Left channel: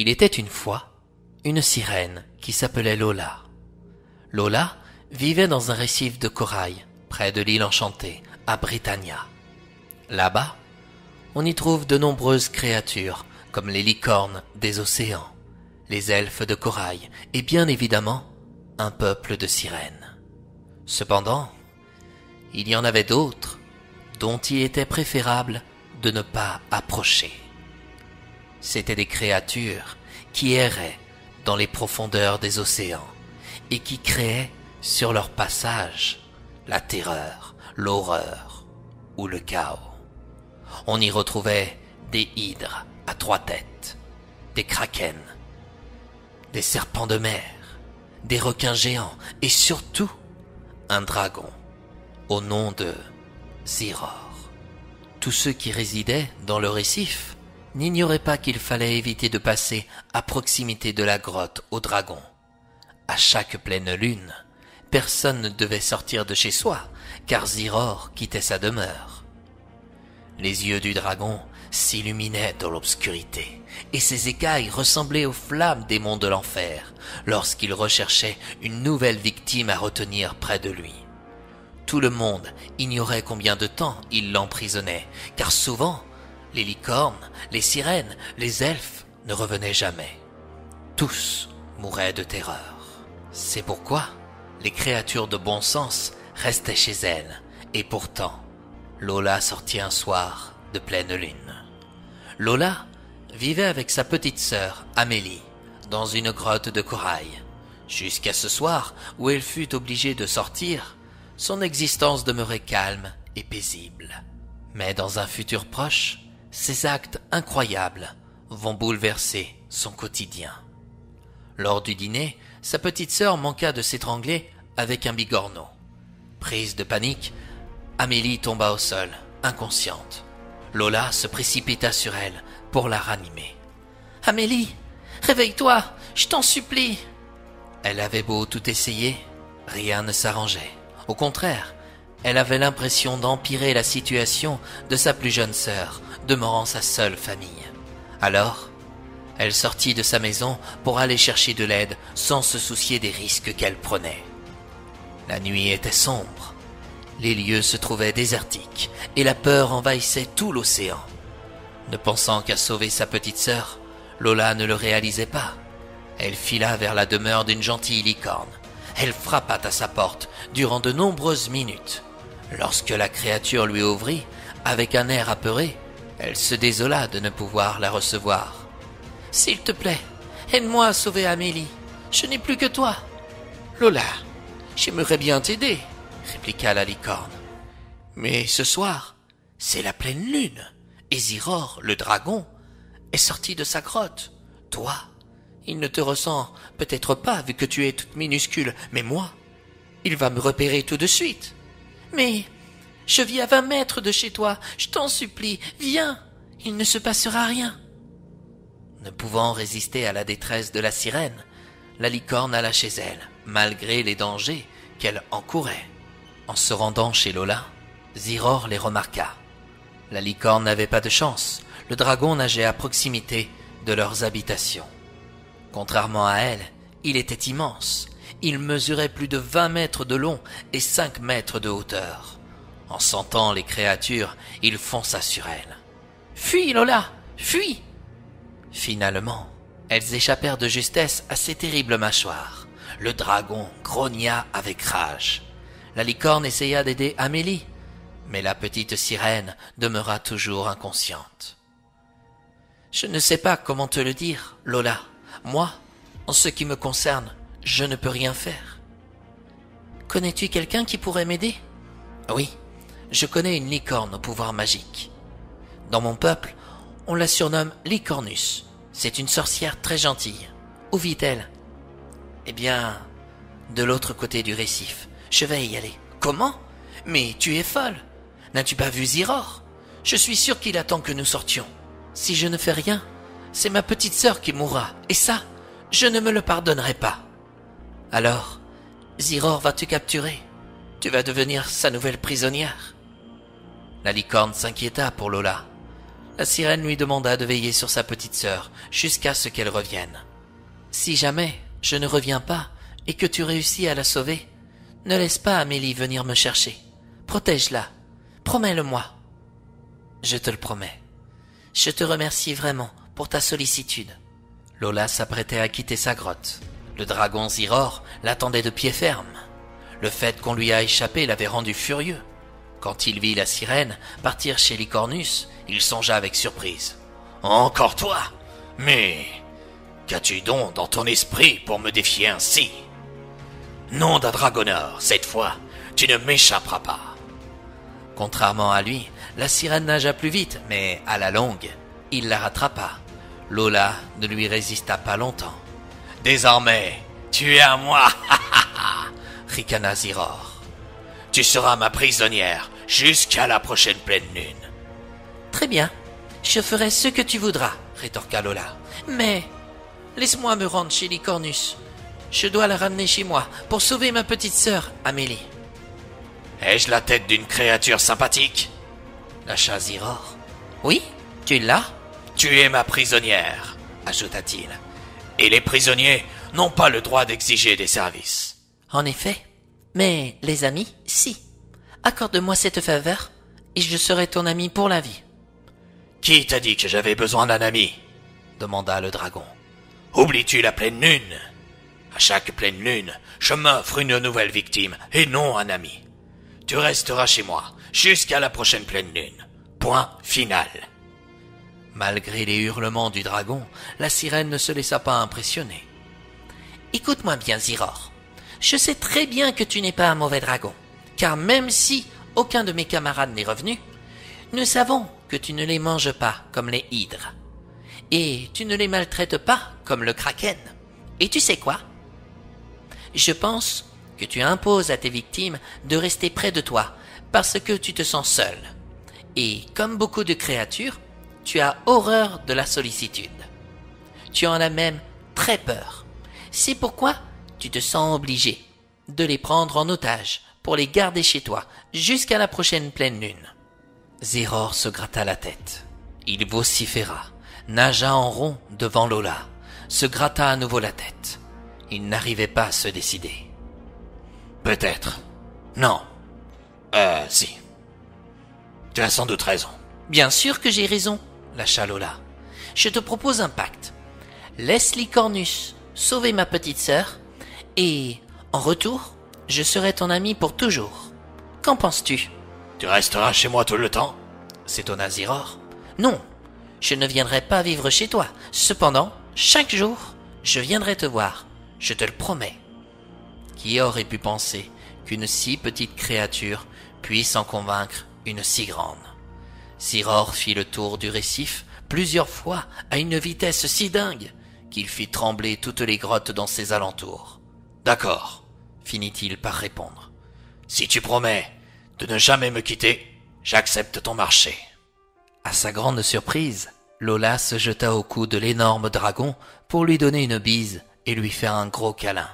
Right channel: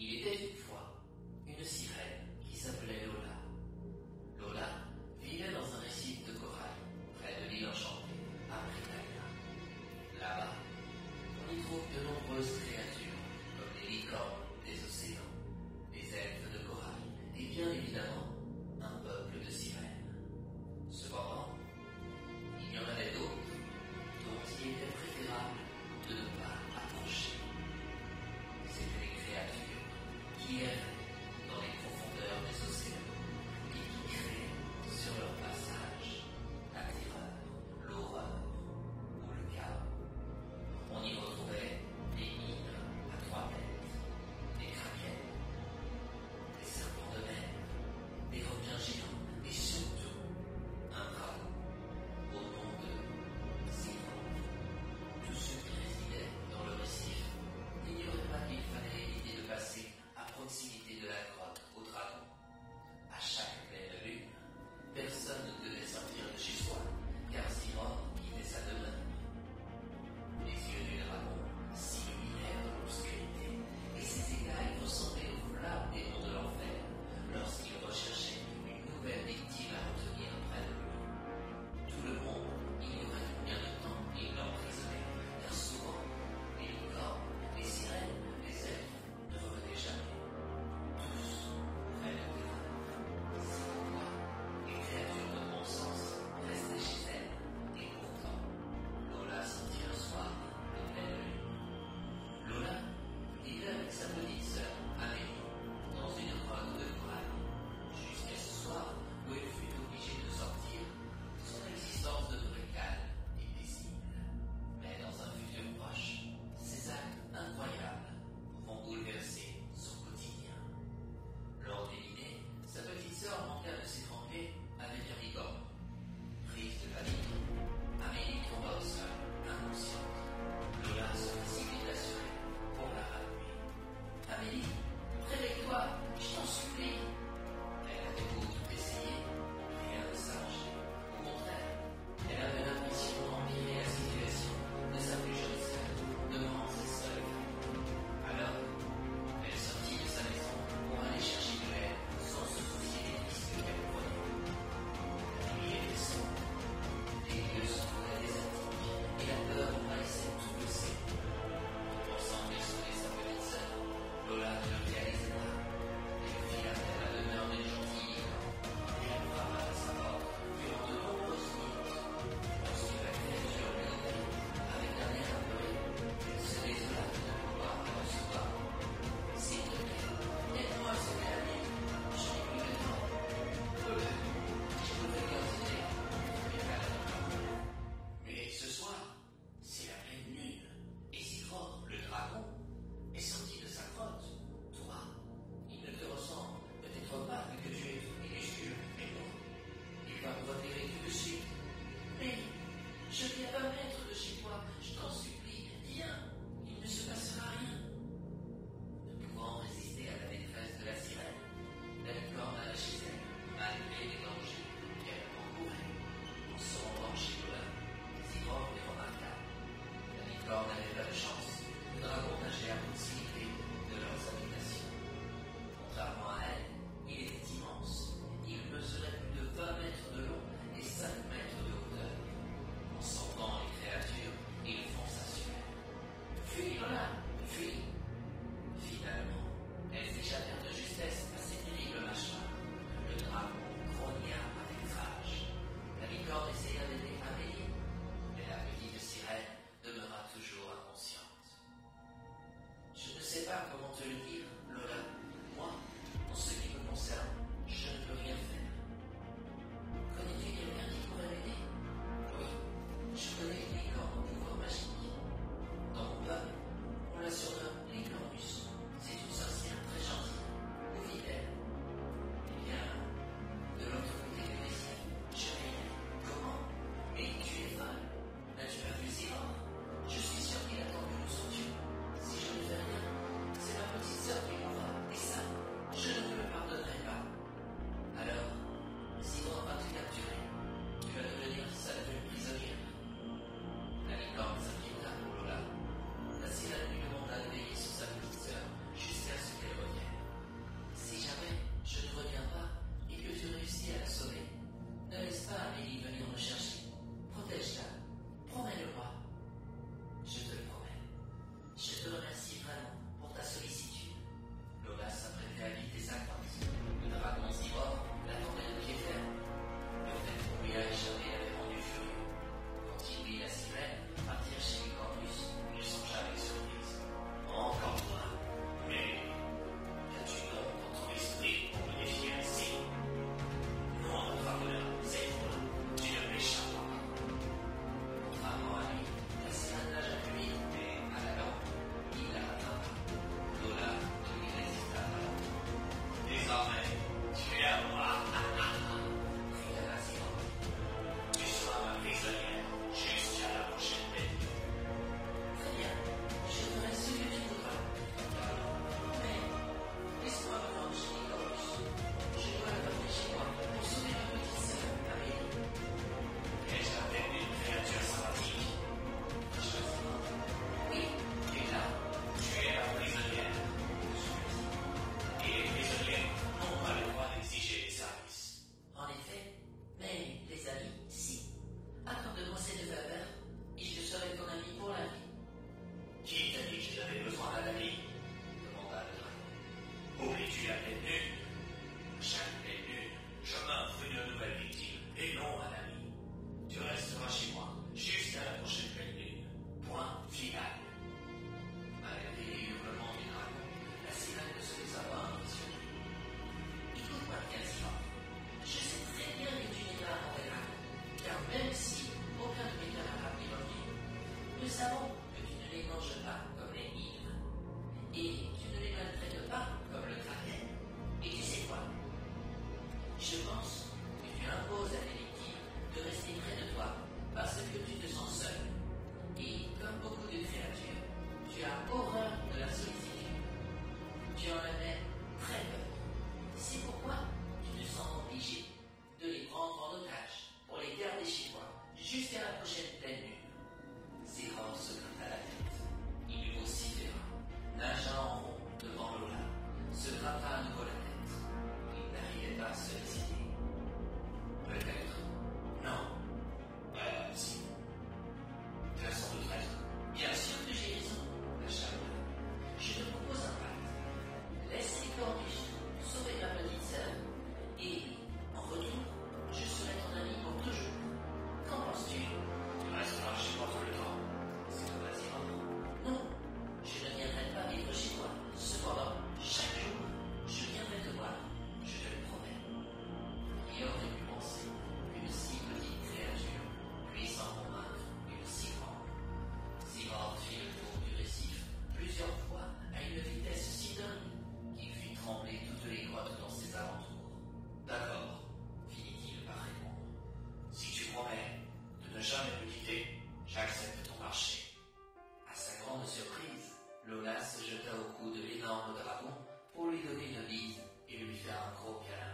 Il était une fois une sirène qui s'appelait Lola. Lola vivait dans un récif de corail près de l'île enchantée, à Britannia. Là-bas, on y trouve de nombreuses créatures comme les licornes des océans, les elfes de corail et bien évidemment un peuple de sirènes. Cependant, il y en avait d'autres dont il était préférable de ne pas approcher. C'étaient des créatures qui erraient dans les profondeurs des océans et qui créaient sur leur passage la terreur, l'horreur ou le chaos. On y retrouvait des hydres à 3 têtes, des krakens, des serpents de mer, des requins géants et surtout un dragon au nom de Ziror. Tous ceux qui résidaient dans le récif n'ignoraient pas qu'il fallait éviter de passer à proximité de la grotte au dragon. À chaque pleine lune, personne ne devait sortir de chez soi, car Ziror quittait sa demeure. Les yeux du dragon s'illuminaient dans l'obscurité, et ses écailles ressemblaient aux flammes des monts de l'enfer, lorsqu'il recherchait une nouvelle victime à retenir près de lui. Tout le monde ignorait combien de temps il l'emprisonnait, car souvent, les licornes, les sirènes, les elfes ne revenaient jamais. Tous mouraient de terreur. C'est pourquoi les créatures de bon sens restaient chez elles, et pourtant, Lola sortit un soir de pleine lune. Lola vivait avec sa petite sœur, Amélie, dans une grotte de corail. Jusqu'à ce soir où elle fut obligée de sortir, son existence demeurait calme et paisible. Mais dans un futur proche, ses actes incroyables vont bouleverser son quotidien. Lors du dîner, sa petite sœur manqua de s'étrangler avec un bigorneau. Prise de panique, Amélie tomba au sol, inconsciente. Lola se précipita sur elle pour la ranimer. « Amélie, réveille-toi, je t'en supplie !» Elle avait beau tout essayer, rien ne s'arrangeait. Au contraire, elle avait l'impression d'empirer la situation de sa plus jeune sœur, demeurant sa seule famille. Alors, elle sortit de sa maison pour aller chercher de l'aide sans se soucier des risques qu'elle prenait. La nuit était sombre, les lieux se trouvaient désertiques et la peur envahissait tout l'océan. Ne pensant qu'à sauver sa petite sœur, Lola ne le réalisait pas. Elle fila vers la demeure d'une gentille licorne. Elle frappa à sa porte durant de nombreuses minutes. Lorsque la créature lui ouvrit, avec un air apeuré, elle se désola de ne pouvoir la recevoir. « S'il te plaît, aide-moi à sauver Amélie. Je n'ai plus que toi. »« Lola, j'aimerais bien t'aider, » répliqua la licorne. « Mais ce soir, c'est la pleine lune, et Ziror, le dragon, est sorti de sa grotte. Toi, il ne te ressent peut-être pas vu que tu es toute minuscule, mais moi, il va me repérer tout de suite. Mais je vis à 20 mètres de chez toi, je t'en supplie, viens, il ne se passera rien. » Ne pouvant résister à la détresse de la sirène, la licorne alla chez elle, malgré les dangers qu'elle encourait. En se rendant chez Lola, Ziror les remarqua. La licorne n'avait pas de chance, le dragon nageait à proximité de leurs habitations. Contrairement à elle, il était immense. Il mesurait plus de 20 mètres de long et 5 mètres de hauteur. En sentant les créatures, il fonça sur elles. « Fuis, Lola, fuis !» Finalement, elles échappèrent de justesse à ces terribles mâchoires. Le dragon grogna avec rage. La licorne essaya d'aider Amélie, mais la petite sirène demeura toujours inconsciente. « Je ne sais pas comment te le dire, Lola. Moi, en ce qui me concerne, je ne peux rien faire. »« Connais-tu quelqu'un qui pourrait m'aider ?»« Oui, je connais une licorne au pouvoir magique. Dans mon peuple, on la surnomme Licornus. C'est une sorcière très gentille. Où vit-elle ? » « Eh bien, de l'autre côté du récif. Je vais y aller. »« Comment ? Mais tu es folle. N'as-tu pas vu Ziror ? Je suis sûr qu'il attend que nous sortions. Si je ne fais rien, c'est ma petite sœur qui mourra. Et ça, je ne me le pardonnerai pas. Alors, Ziror va te capturer. Tu vas devenir sa nouvelle prisonnière. » La licorne s'inquiéta pour Lola. la sirène lui demanda de veiller sur sa petite sœur jusqu'à ce qu'elle revienne. « Si jamais je ne reviens pas et que tu réussis à la sauver, ne laisse pas Amélie venir me chercher. Protège-la. Promets-le-moi. » « Je te le promets. Je te remercie vraiment pour ta sollicitude. » Lola s'apprêtait à quitter sa grotte. Le dragon Ziror l'attendait de pied ferme. Le fait qu'on lui a échappé l'avait rendu furieux. Quand il vit la sirène partir chez Lycornus, il songea avec surprise. « Encore toi? Mais qu'as-tu donc dans ton esprit pour me défier ainsi? Nom d'un dragoneur, cette fois, tu ne m'échapperas pas. » Contrairement à lui, la sirène nagea plus vite, mais à la longue, il la rattrapa. Lola ne lui résista pas longtemps. « Désormais, tu es à moi, ricana Ziror. Tu seras ma prisonnière jusqu'à la prochaine pleine lune. »« Très bien, je ferai ce que tu voudras, rétorqua Lola. Mais laisse-moi me rendre chez Lycornus. Je dois la ramener chez moi pour sauver ma petite sœur, Amélie. »« Ai-je la tête d'une créature sympathique ?» lâcha Ziror. « Oui, tu l'as. »« Tu es ma prisonnière, ajouta-t-il. Et les prisonniers n'ont pas le droit d'exiger des services. »« En effet, mais les amis, si. Accorde-moi cette faveur et je serai ton ami pour la vie. »« Qui t'a dit que j'avais besoin d'un ami ?» demanda le dragon. « Oublies-tu la pleine lune ? À chaque pleine lune, je m'offre une nouvelle victime et non un ami. Tu resteras chez moi jusqu'à la prochaine pleine lune. Point final. » Malgré les hurlements du dragon, la sirène ne se laissa pas impressionner. « Écoute-moi bien, Ziror. Je sais très bien que tu n'es pas un mauvais dragon, car même si aucun de mes camarades n'est revenu, nous savons que tu ne les manges pas comme les hydres. Et tu ne les maltraites pas comme le kraken. Et tu sais quoi? Je pense que tu imposes à tes victimes de rester près de toi parce que tu te sens seul. Et comme beaucoup de créatures, tu as horreur de la sollicitude. Tu en as même très peur. C'est pourquoi tu te sens obligé de les prendre en otage pour les garder chez toi jusqu'à la prochaine pleine lune. » Ziror se gratta la tête. Il vociféra, nagea en rond devant Lola, se gratta à nouveau la tête. Il n'arrivait pas à se décider. « Peut-être. Non. Si. Tu as sans doute raison. »« Bien sûr que j'ai raison, lâcha Lola. Je te propose un pacte. Laisse Lycornus sauver ma petite sœur, et, en retour, je serai ton ami pour toujours. Qu'en penses-tu ? » « Tu resteras chez moi tout le temps ?» s'étonna Ziror. « Non, je ne viendrai pas vivre chez toi. Cependant, chaque jour, je viendrai te voir. Je te le promets. » Qui aurait pu penser qu'une si petite créature puisse en convaincre une si grande? Ziror fit le tour du récif plusieurs fois à une vitesse si dingue qu'il fit trembler toutes les grottes dans ses alentours. « D'accord, » finit-il par répondre. « Si tu promets de ne jamais me quitter, j'accepte ton marché. » À sa grande surprise, Lola se jeta au cou de l'énorme dragon pour lui donner une bise et lui faire un gros câlin.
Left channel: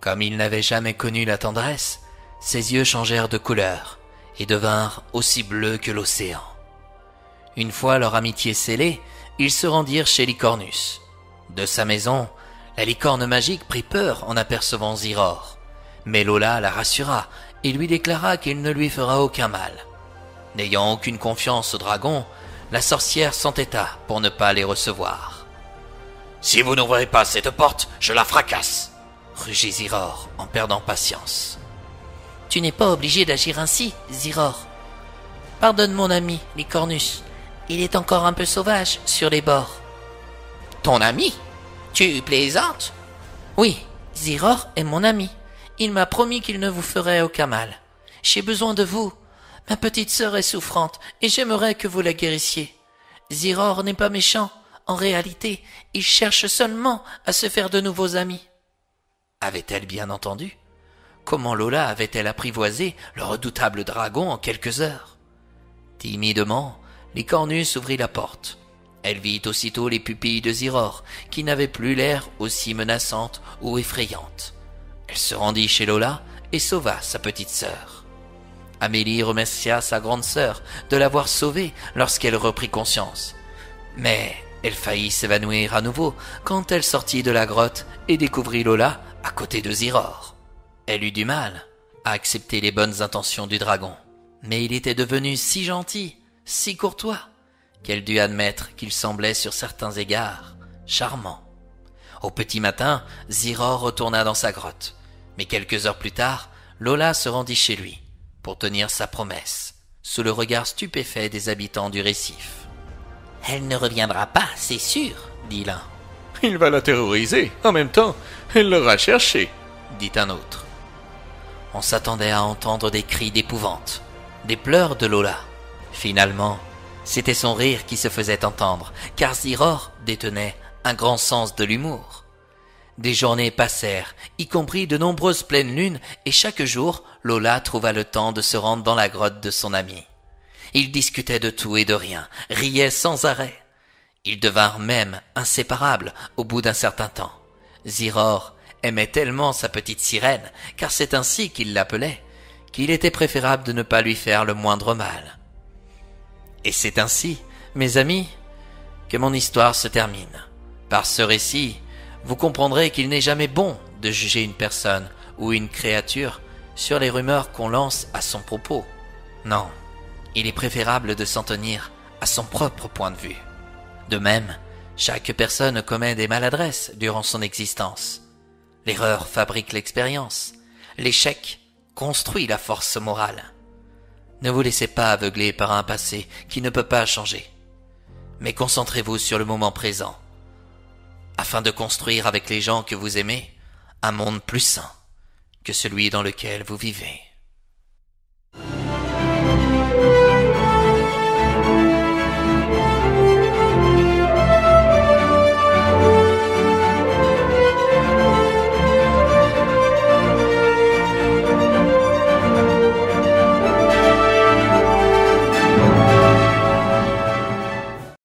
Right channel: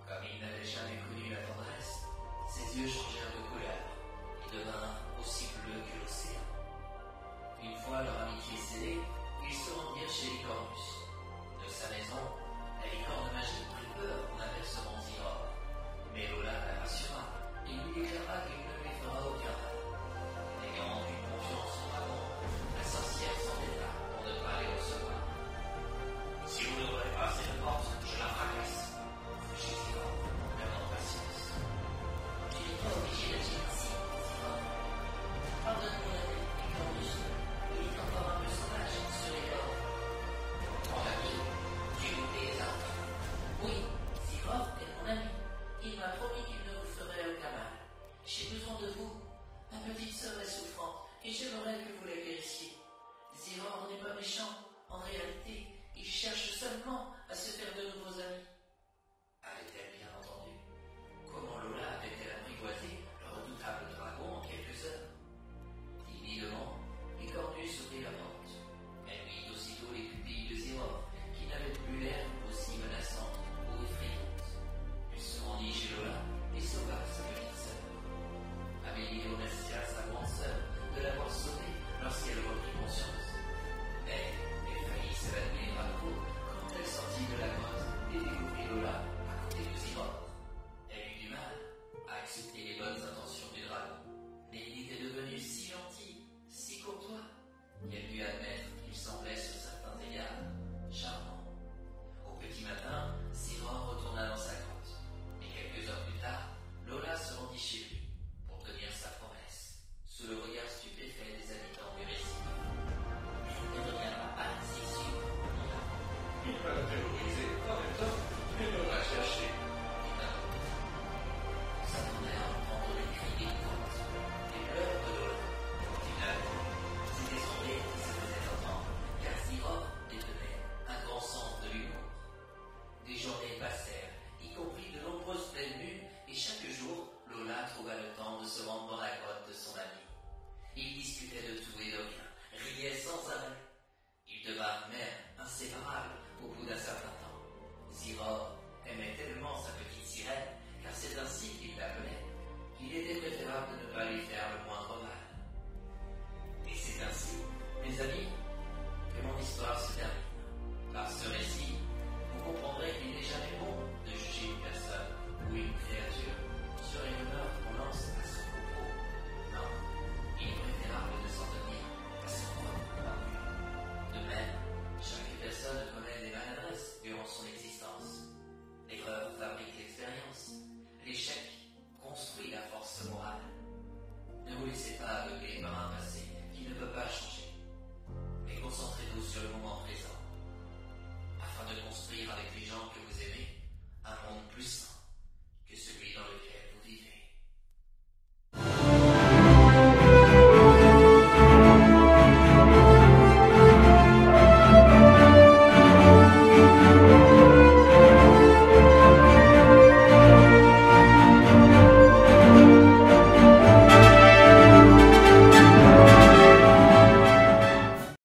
Comme il n'avait jamais connu la tendresse, ses yeux changèrent de couleur et devinrent aussi bleus que l'océan. Une fois leur amitié scellée, ils se rendirent chez Lycornus. De sa maison, la licorne magique prit peur en apercevant Ziror, mais Lola la rassura et lui déclara qu'il ne lui fera aucun mal. N'ayant aucune confiance au dragon, la sorcière s'entêta pour ne pas les recevoir. « Si vous n'ouvrez pas cette porte, je la fracasse !» rugit Ziror en perdant patience. « Tu n'es pas obligé d'agir ainsi, Ziror. Pardonne mon ami, Lycornus. Il est encore un peu sauvage sur les bords. »« Ton ami? Tu plaisantes ?»« Oui, Ziror est mon ami. Il m'a promis qu'il ne vous ferait aucun mal. J'ai besoin de vous. Ma petite sœur est souffrante et j'aimerais que vous la guérissiez. Ziror n'est pas méchant. En réalité, il cherche seulement à se faire de nouveaux amis. » Avait-elle bien entendu? Comment Lola avait-elle apprivoisé le redoutable dragon en quelques heures? Timidement, Lycornus ouvrit la porte. Elle vit aussitôt les pupilles de Ziror, qui n'avaient plus l'air aussi menaçantes ou effrayantes. Elle se rendit chez Lola et sauva sa petite sœur. Amélie remercia sa grande sœur de l'avoir sauvée lorsqu'elle reprit conscience. Mais elle faillit s'évanouir à nouveau quand elle sortit de la grotte et découvrit Lola à côté de Ziror. Elle eut du mal à accepter les bonnes intentions du dragon, mais il était devenu si gentil, si courtois, qu'elle dut admettre qu'il semblait sur certains égards charmant. Au petit matin, Ziror retourna dans sa grotte, mais quelques heures plus tard, Lola se rendit chez lui pour tenir sa promesse, sous le regard stupéfait des habitants du récif. « Elle ne reviendra pas, c'est sûr, » dit l'un. « Il va la terroriser. En même temps, elle l'aura cherché, » dit un autre. On s'attendait à entendre des cris d'épouvante, des pleurs de Lola. Finalement, c'était son rire qui se faisait entendre, car Ziror détenait un grand sens de l'humour. Des journées passèrent, y compris de nombreuses pleines lunes, et chaque jour, Lola trouva le temps de se rendre dans la grotte de son ami. Ils discutaient de tout et de rien, riaient sans arrêt. Ils devinrent même inséparables au bout d'un certain temps. Ziror aimait tellement sa petite sirène, car c'est ainsi qu'il l'appelait, qu'il était préférable de ne pas lui faire le moindre mal. Et c'est ainsi, mes amis, que mon histoire se termine. Par ce récit, vous comprendrez qu'il n'est jamais bon de juger une personne ou une créature sur les rumeurs qu'on lance à son propos. Non, il est préférable de s'en tenir à son propre point de vue. De même, chaque personne commet des maladresses durant son existence. L'erreur fabrique l'expérience. L'échec construit la force morale. Ne vous laissez pas aveugler par un passé qui ne peut pas changer. Mais concentrez-vous sur le moment présent, afin de construire avec les gens que vous aimez un monde plus sain que celui dans lequel vous vivez.